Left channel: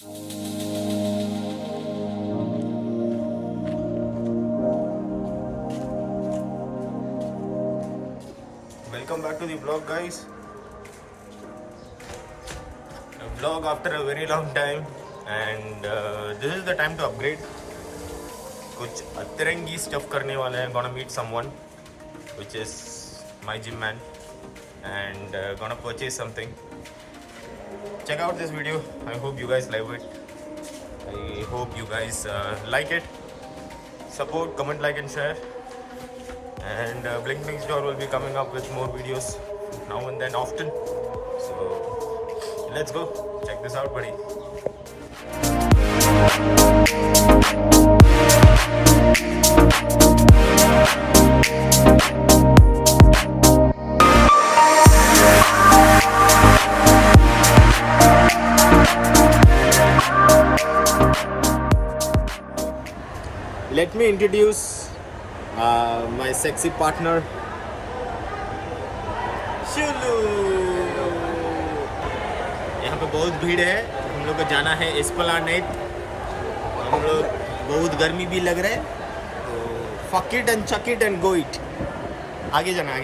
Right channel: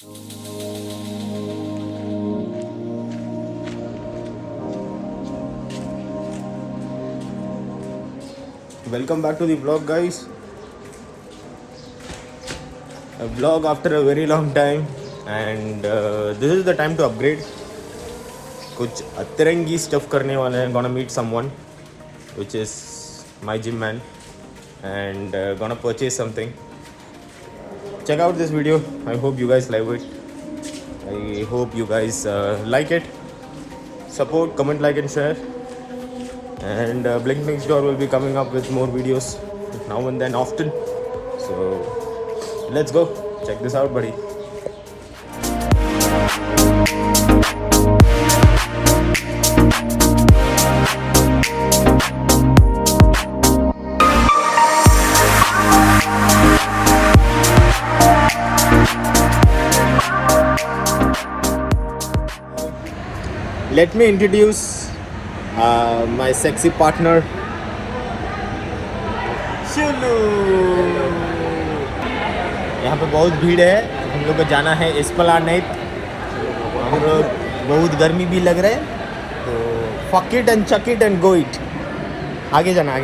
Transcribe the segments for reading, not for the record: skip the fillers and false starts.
Welcome back to the vlog, guys. A vlog after a very long time, and this is the time to upgrade. कुछ अतरंगी stuff करने वाले हैं. Gonna meet someone, which is my gym man, and gonna purchase something. Check out this video. I hope you guys like it. I hope you guys like it. Support, comment, like, and share. And blinknextdoor will be coming up with more videos now and then often. So let's go check this out, buddy. Let me introduce my sexy partner, Shulu. यहाँ पे बहुत भीड़ है. हम लोग को जाना है एस्प्लानेड. हम लोग बहुत गर्मी भी लग रहा है, तो fuck it and chuck it and go it. आगे जाना.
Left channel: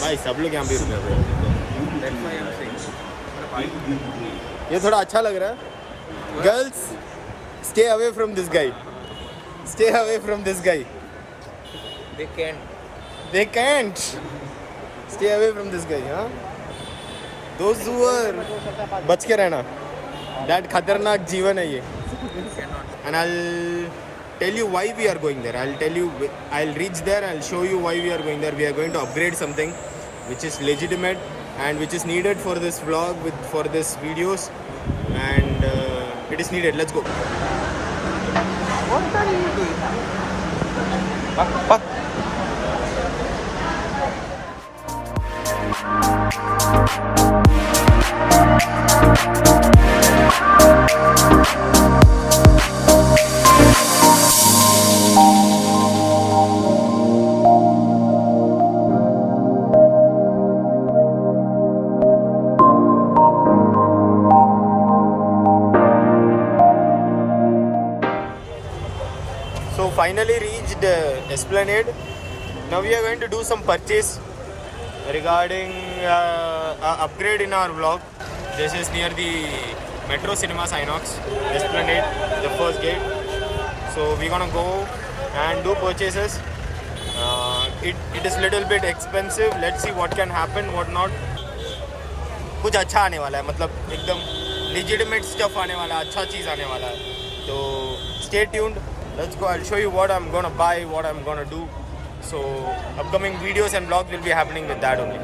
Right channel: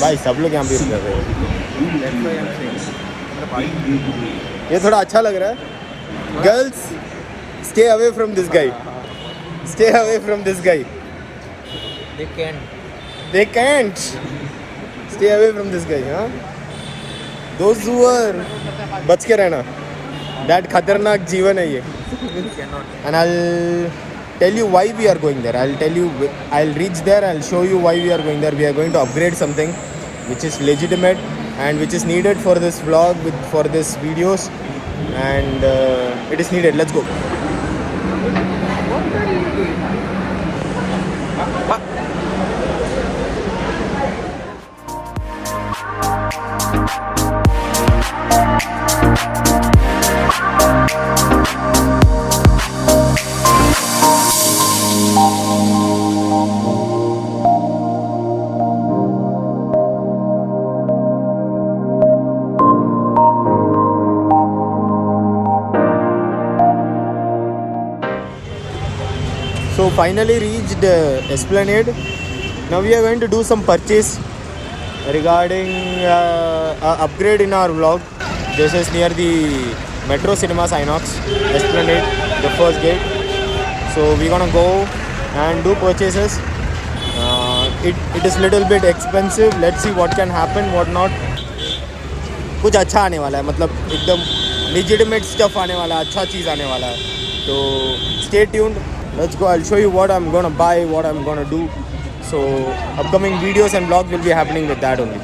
भाई सब लोग यहाँ पे रुक जाते हैं. ये थोड़ा अच्छा लग रहा है. Girls, stay away from this guy. Stay away from this guy. They can't. Stay away from this guy, huh? Those who are, बच के रहना. That खतरनाक जीवन है ये. And I'll tell you why we are going there. I'll reach there. I'll show you why we are going there. We are going to upgrade something which is legitimate and which is needed for this vlog, for this videos, and it is needed. Let's go. So finally reached Esplanade. Now we are going to do some purchase regarding upgrade in our vlog. This is near the Metro Cinemas Inox, Esplanade, the first gate. So we're gonna go and do purchases. It is little bit expensive. Let's see what can happen, what not. कुछ अच्छा आने वाला है, मतलब एकदम legitimate stuff आने वाला है, अच्छा चीज़ आने वाला है. तो stay tuned. Let's go. I'll show you what I'm gonna buy, what I'm gonna do. So upcoming videos and vlogs will be happening with that only.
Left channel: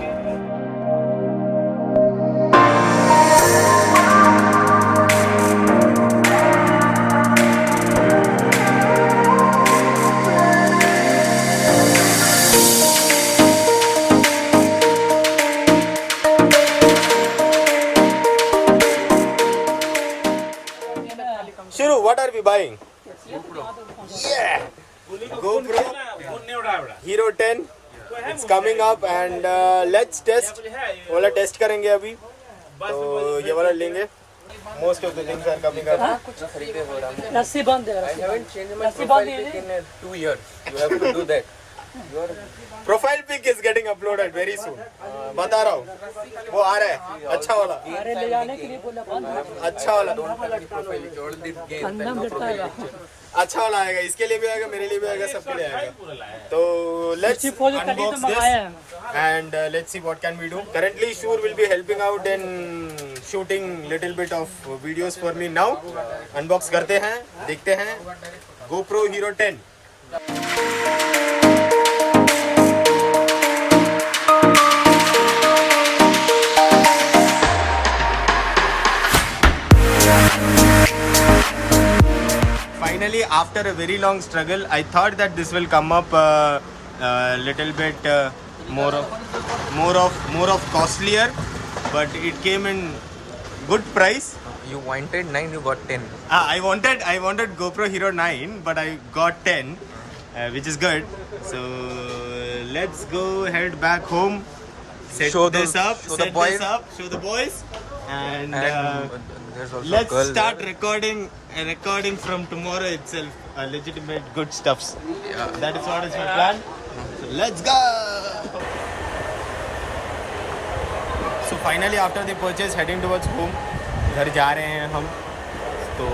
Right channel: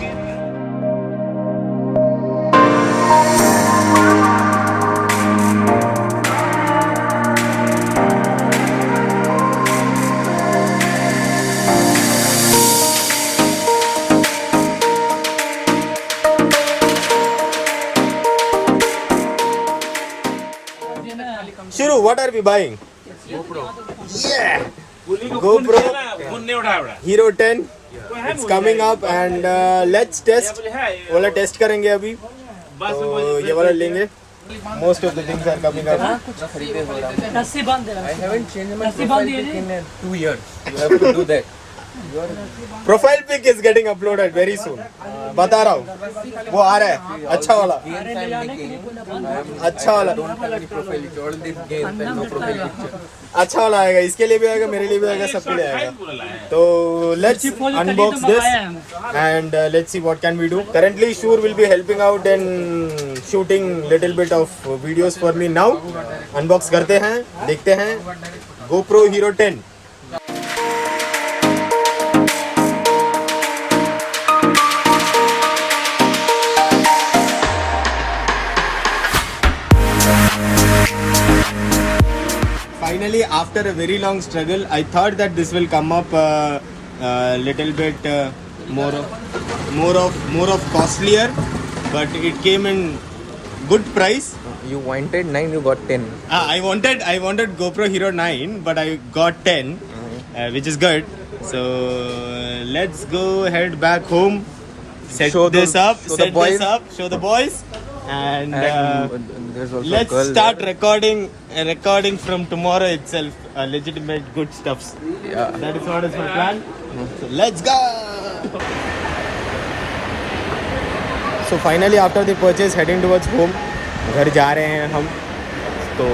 Shuru, what are we buying? Gopro. Yeah! GoPro Hero 10. It's coming up and let's test. वाला test करेंगे अभी. तो ये वाला लेंगे. Most of the things are coming up. कुछ खरीदे हो रहा है. रस्सी बांध दे. I haven't changed my profile pic in 2 years. You have to do that. Profile pic is getting uploaded very soon. बता रहा हूँ. वो आ रहा है. अच्छा वाला. अच्छा वाला. Don't have any profile picture. All these games and no profile picture. अच्छा वाला आएगा. इसके लिए भी आएगा, मेरे लिए भी आएगा, सबके लिए आएगा. तो let's unbox this and let's see what can we do. Currently Shur will be helping out in shooting little bit of videos for me now. Unbox करते हैं, देखते हैं. GoPro Hero 10. Finally, after a very long struggle, I thought that this will come up little bit more of costlier, but it came in good price. You wanted 9, you got 10. I wanted GoPro Hero 9, but I got 10, which is good. So let's go head back home set Show this the- up, show the set boys. this up, show the boys, and there's also let's a girl start there. recording from tomorrow itself. Legitimate good stuffs. Yeah. That is what is my plan. So let's go. So finally after the purchase, heading towards home. घर जा रहे हैं हम. तो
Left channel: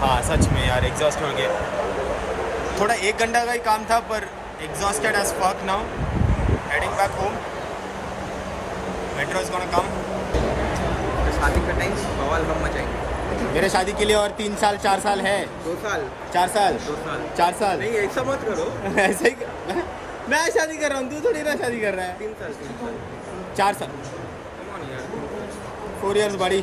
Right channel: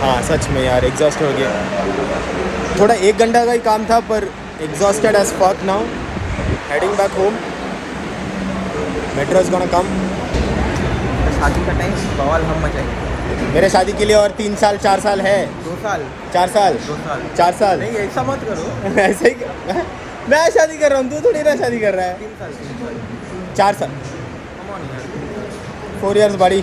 हाँ सच में यार exhaust हो गया. थोड़ा 1 घंटा का ही काम था पर exhausted as fuck now. Heading back home. Metro is gonna come. शादी का टाइम बवाल हम मचाएंगे. मेरे शादी के लिए और 3 साल 4 साल है. 2 साल 4 साल 2 साल 4 साल नहीं ऐसा मत करो. ऐसे ही मैं शादी कर रहा हूँ, तू थोड़ी ना शादी कर रहा है. 3 साल 4 साल Come on यार. 4 years buddy.